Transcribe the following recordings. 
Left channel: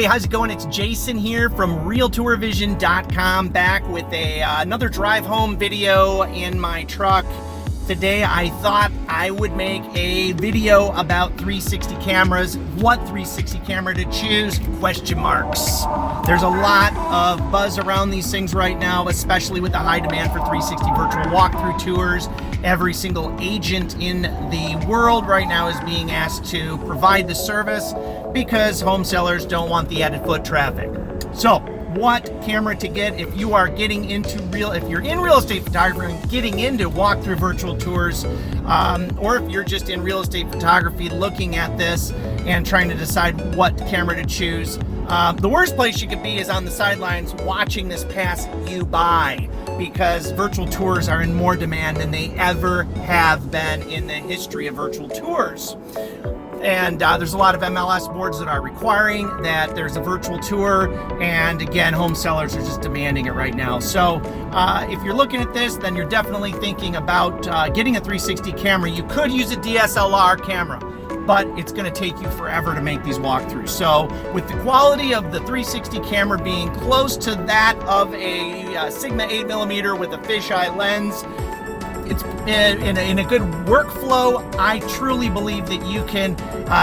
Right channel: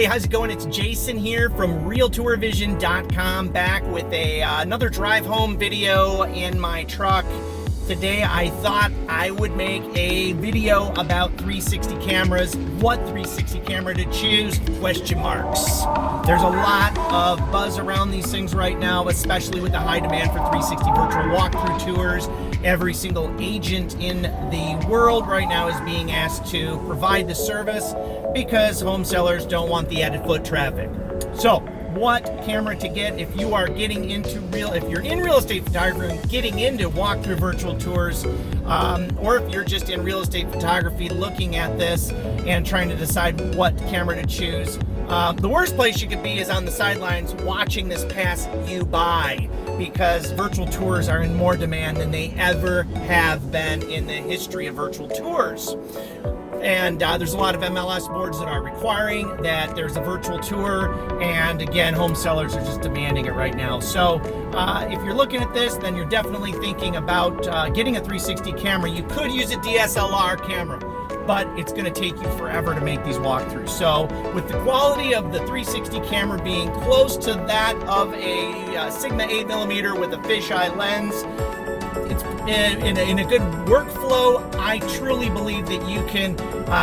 everybody, how's it going? It's Jason here from RealTourVision.com, back with another drive home video in my truck. Today I thought I would make a video about 360 cameras, what 360 camera to choose, question marks. There's a lot of buzz around these things right now, especially with the high demand for 360 virtual walkthrough tours. Every single agent in the world right now is being asked to provide the service because home sellers don't want the added foot traffic. So what camera to get if you are getting into if you're in real estate photography and getting into walkthrough virtual tours, or if you're just in real estate photography looking at this and trying to decide what camera to choose. The worst place you could be is on the sidelines watching this pass you by, because virtual tours are in more demand than they ever have been in the history of virtual tours. And there's a lot of MLS boards that are requiring that there's a virtual tour, and again, home sellers are just demanding it right now. So if you're looking at this, then you're definitely thinking about getting a 360 camera. You could use a DSLR camera, but it's going to take you forever to make these walkthroughs. So with the quality of the 360 camera being close to that of a Sigma 8mm with a fisheye lens, it's in a good workflow. I truly believe that you can,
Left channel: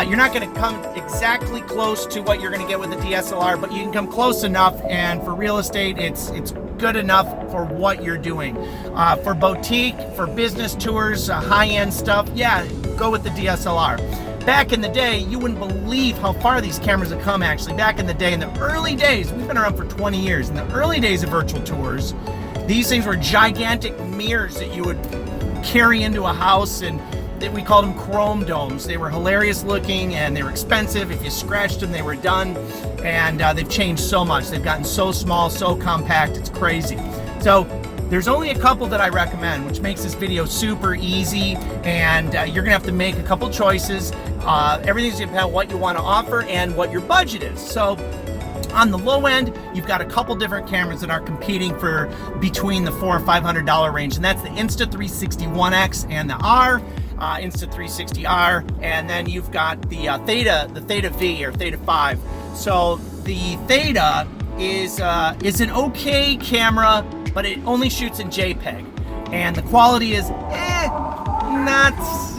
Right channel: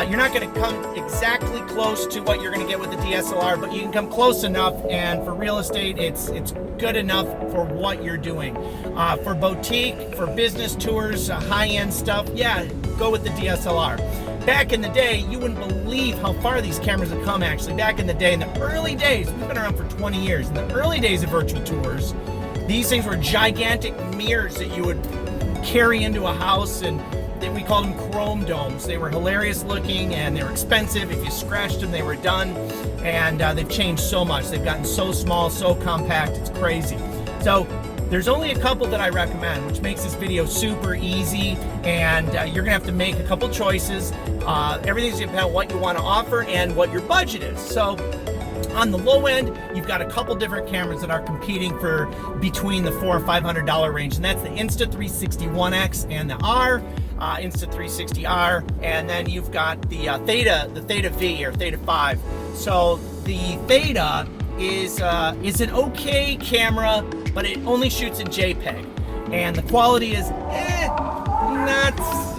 you're not going to come exactly close to what you're going to get with a DSLR, but you can come close enough, and for real estate, it's good enough for what you're doing. For boutique, for business tours, high-end stuff, yeah, go with the DSLR. Back in the day, you wouldn't believe how far these cameras have come, actually. Back in the day, in the early days, we've been around for 20 years. In the early days of virtual tours, these things were gigantic mirrors that you would carry into a house, and we called them chrome domes. They were hilarious looking and they were expensive. If you scratched them, they were done. And they've changed so much. They've gotten so small, so compact, it's crazy. So there's only a couple that I recommend, which makes this video super easy, and you're gonna have to make a couple choices. Everything's gonna depend on what you want to offer and what your budget is. So on the low end, you've got a couple different cameras that are competing for between the $400 or $500 range, and that's the Insta360 One X and the R, Insta360R, and then you've got the Theta V or Theta 5. So the Theta is an okay camera, but it only shoots in JPEG, and the quality is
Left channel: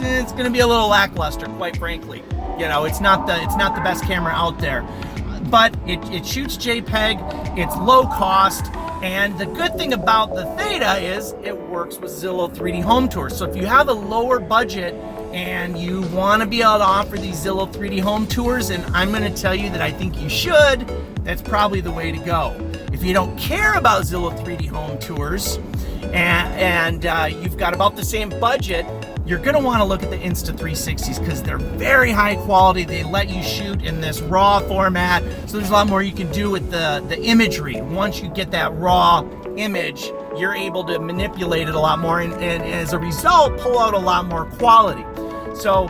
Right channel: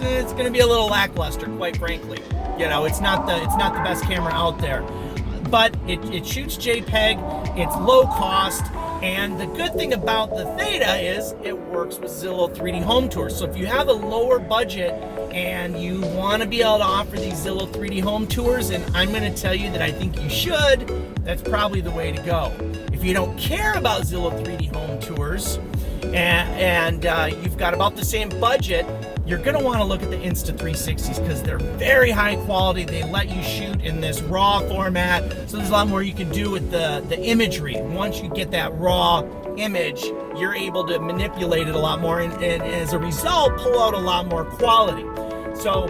it's going to be a little lackluster, quite frankly. You know, it's not the best camera out there. But it shoots JPEG, it's low cost, and the good thing about the Theta is it works with Zillow 3D Home Tours. So if you have a lower budget and you want to be able to offer these Zillow 3D Home Tours, and I'm going to tell you that I think you should, that's probably the way to go. If you don't care about Zillow 3D Home Tours and you've got about the same budget, you're going to want to look at the Insta360s because they're very high quality. They let you shoot in this RAW format, so there's a lot more you can do with the imagery. Once you get that raw image, you're able to manipulate it a lot more, and as a result, pull out a lot more quality. So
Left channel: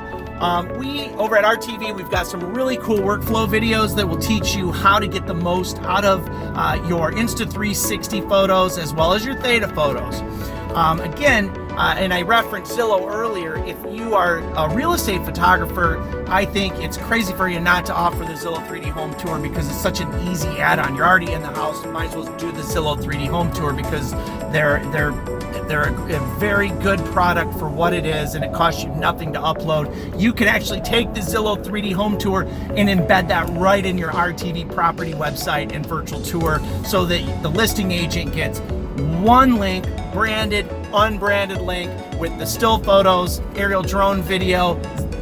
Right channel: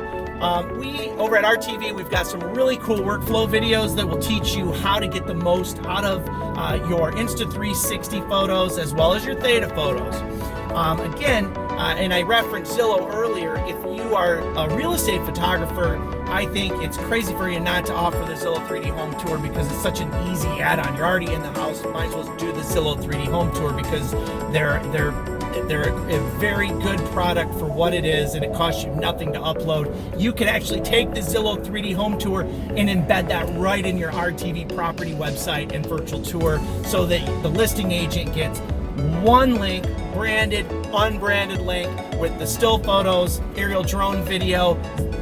we, over at RTV, we've got some really cool workflow videos that will teach you how to get the most out of your Insta360 photos as well as your Theta photos. Again, and I referenced Zillow earlier, if you are a real estate photographer, I think it's crazy for you not to offer the Zillow 3D Home Tour because it's such an easy add-on. You're already in the house, you might as well do the Zillow 3D Home Tour because they're a very good product for what it is, and it costs you nothing to upload. You can actually take the Zillow 3D Home Tour and embed that right in your RTV property website and virtual tour, so that the listing agent gets one link, branded, unbranded link, with the still photos, aerial drone video,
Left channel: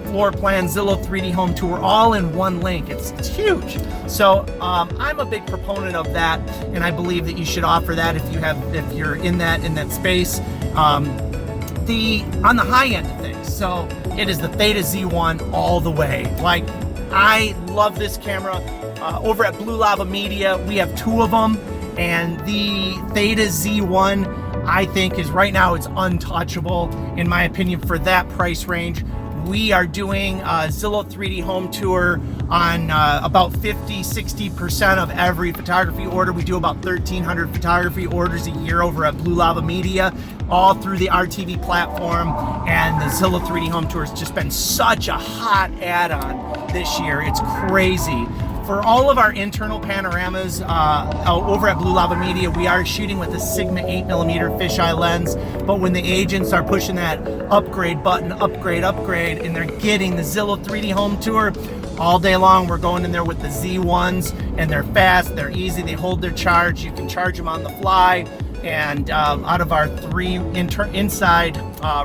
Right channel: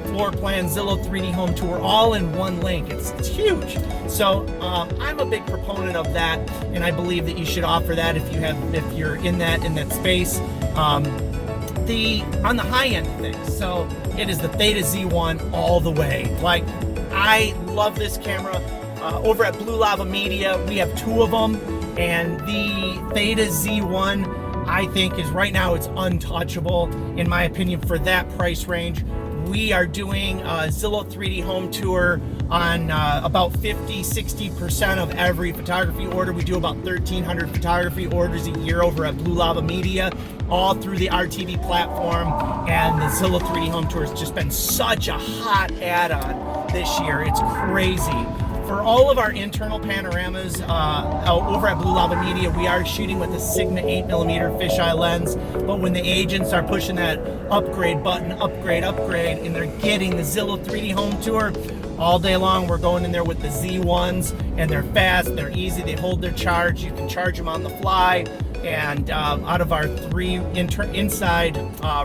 floor plan, Zillow 3D Home Tour, all in one link. It's huge. So I'm a big proponent of that, and I believe that you should offer that if you're in that space. On the high end of things, so it is the Theta Z1 all the way. Like, I love this camera. Over at Blue Lava Media, we have two of them, and the Theta Z1, I think, is right now, it's untouchable in my opinion for that price range. We are doing a Zillow 3D Home Tour on about 50-60% of every photography order. We do about 1,300 photography orders a year over at Blue Lava Media, all through the RTV platform, and the Zillow 3D Home Tour has just been such a hot add-on this year. It's crazy. For all of our internal panoramas over at Blue Lava Media, we are shooting with a Sigma 8mm fisheye lens, but when the agents are pushing that upgrade button, upgrade, and they're getting the Zillow 3D Home Tour, all day long we're going in there with the Z1s, and they're fast, they're easy, they hold their charge, you can charge them on the fly. And out of our 3 inside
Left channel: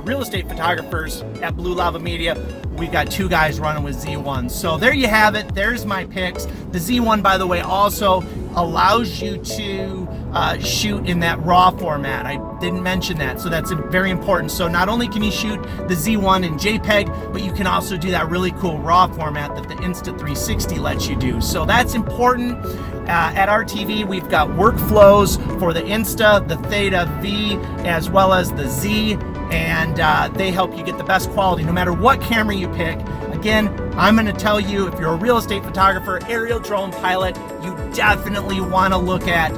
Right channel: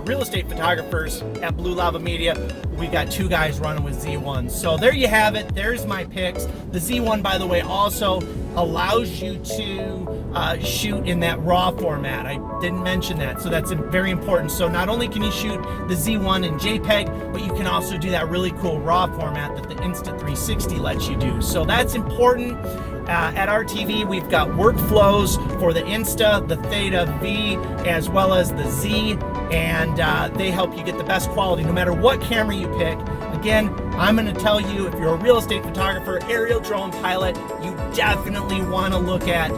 real estate photographers at Blue Lava Media, we've got 2 guys running with Z1. So there you have it. There's my picks. The Z1, by the way, also allows you to shoot in that RAW format. I didn't mention that, so that's very important. So not only can you shoot the Z1 in JPEG, but you can also do that really cool RAW format that the Insta360 lets you do. So that's important. At RTV, we've got workflows for the Insta, the Theta V, as well as the Z, and they help you get the best quality no matter what camera you pick. Again, I'm going to tell you, if you're a real estate photographer, aerial drone pilot, you definitely want to look at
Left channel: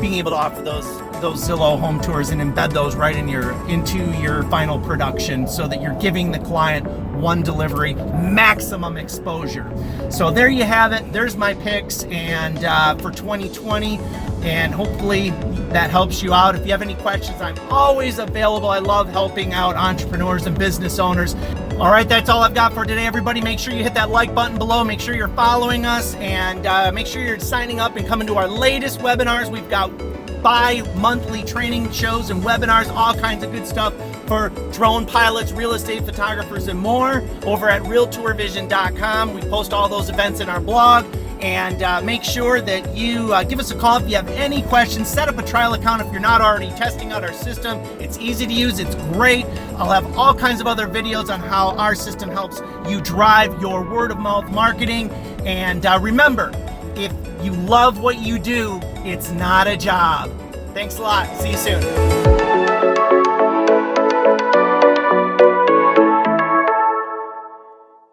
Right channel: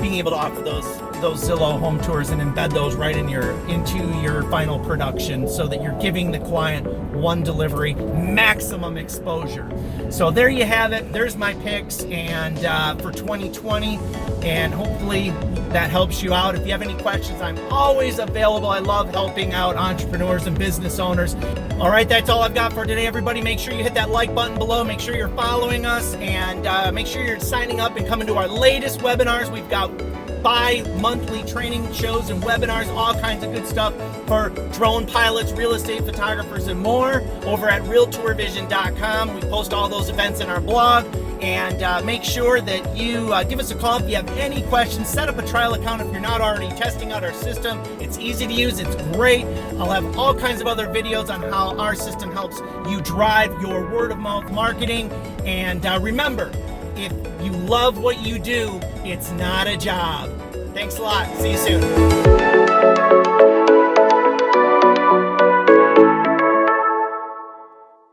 being able to offer those Zillow home tours and embed those right into your final production, so that you're giving the client one delivery, maximum exposure. So there you have it. There's my picks and for 2020, and hopefully that helps you out. If you have any questions, I'm always available. I love helping out entrepreneurs and business owners. All right, that's all I've got for today, everybody. Make sure you hit that like button below. Make sure you're following us, and make sure you're signing up and coming to our latest webinars. We've got bi-monthly training shows and webinars, all kinds of good stuff for drone pilots, real estate photographers, and more over at realtourvision.com. We post all those events in our blog. And make sure that you give us a call if you have any questions. Set up a trial account if you're not already testing out our system. It's easy to use. It's great. I'll have all kinds of other videos on how our system helps you drive your word-of-mouth marketing. And remember, if you love what you do, it's not a job. Thanks a lot. See you soon.